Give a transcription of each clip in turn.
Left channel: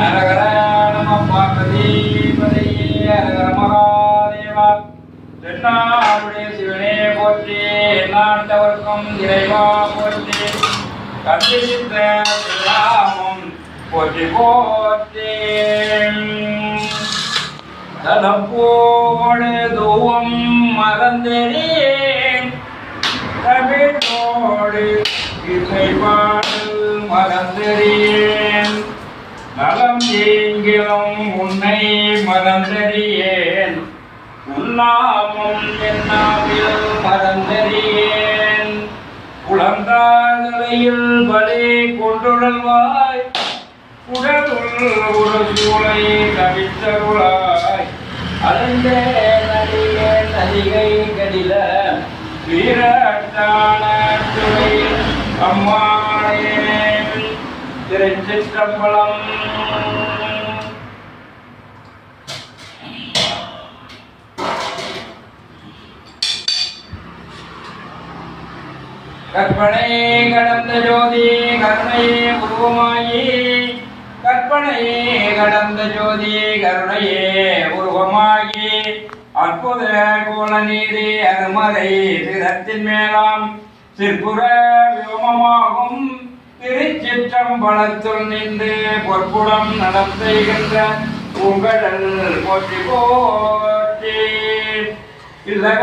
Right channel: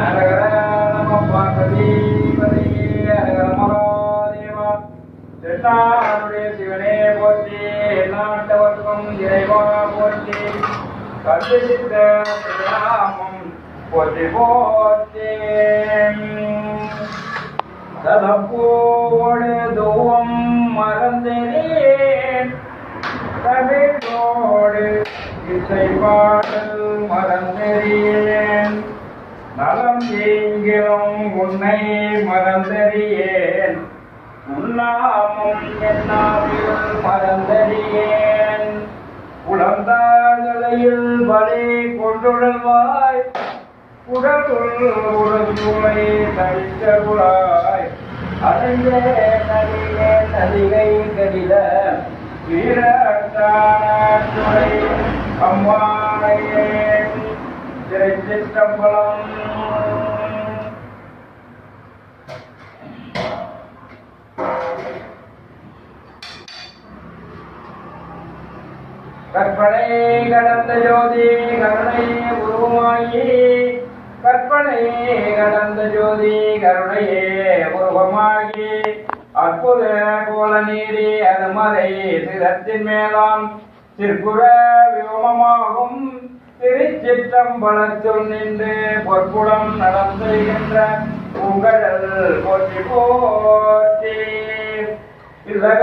ஹரஹர நம பார்வதிபதையே ஹரஹர மகாதேவா. தென்னாடுடைய சிவனே போற்றி, நாட்டவர்க்கும் இறைவா போற்றி, கண்டித்த ராமம் போற்றி போற்றி. தலப்போடு தூவம் மறந்தேன், தமிழோடு இசை பாடல் மறந்தறியேன், நலம் எங்கிலும் உன்னை மறந்தறியேன், உன்னாமும் என்னாவில் மறந்தறியேன். குழந்தாதலையில் பலே கொண்டுழல்வாய், குடலுள் ஒரு சூளை கவித்தருளாய், அலைந்தே நடிகே நதிகை கடில வீரட்டான துறை அம்மாளே. திருச்சிற்றம்பலம். கற்பனை கடந்த ஜோதி கருணையே உருவமாயி, கற்பனை கடந்த ஜோதி கருணையே உருவமாகி, அற்புத கோல நீதி அருமறை சிரத்தின் மேலாம் சிற்புற வியோமமாகும் திருச்சிற்றம்பலத்துள் நின்று பொற்புடம் நலம் செய்கின்ற உங்கடல் போற்றி போற்றி. இல்லக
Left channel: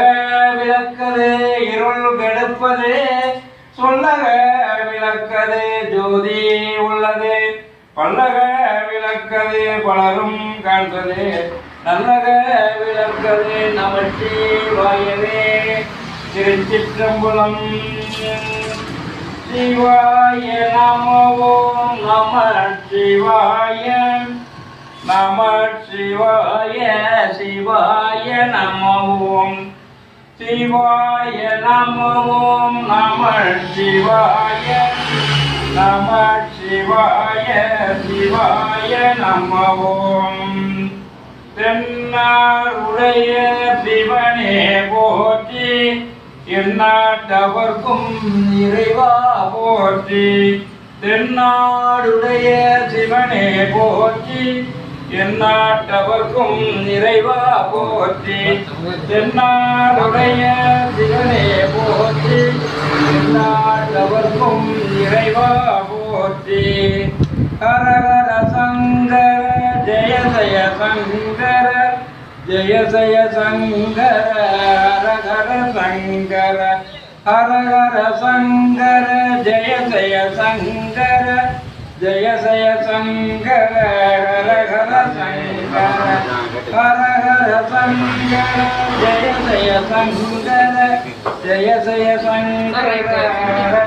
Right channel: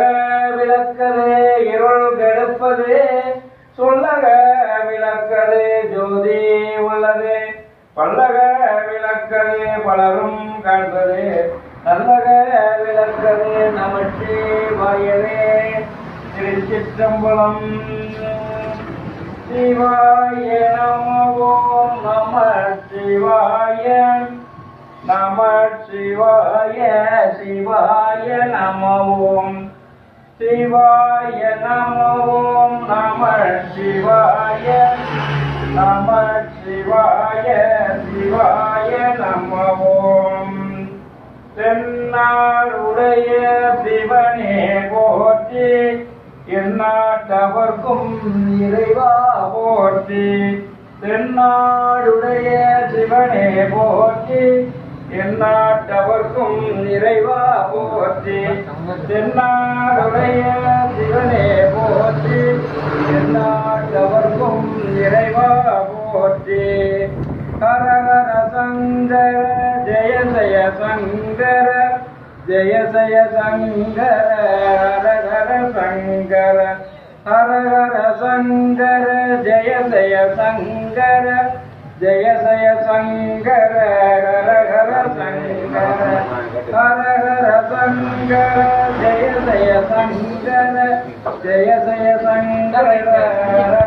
விளக்கது இருள் கெடுப்பது, சொல்லக விளக்கது ஜோதி உள்ளது, பல்லக விளக்கது பலரும் காண்பது, நல்லக விளக்கது நமச்சிவாயவே. திருச்சிற்றம்பலம். சிவாய நமோ நம சிவாய நம சிவாய சிவாய நமோம் சிவாய நமோம் நம சிவாய நம சிவாய சிவாய நமோம். தென்னாருடைய சிவனே போற்றி, எந்நாட்டவர்க்கும் இறைவா போற்றி. தென்னாடுடைய சிவனே போற்றி, எந்நாட்டவர்க்கும் இறைவா போற்றி. தென்னாடுடைய சிவனே போற்றி, எந்நாட்டவர்க்கும் இறைவா போற்றி. ஹரஹர சங்கர ஜெய ஜய சங்கர, ஜெய ஜய சங்கர ஹரஹர சங்கர, ஹரஹர சங்கர ஜெய ஜய சங்கர, ஜெய ஜய சங்கர ஹரஹர சங்கர, ஹரஹர சங்கர ஜெய ஜய சங்கர, ஜெய ஜய சங்கர.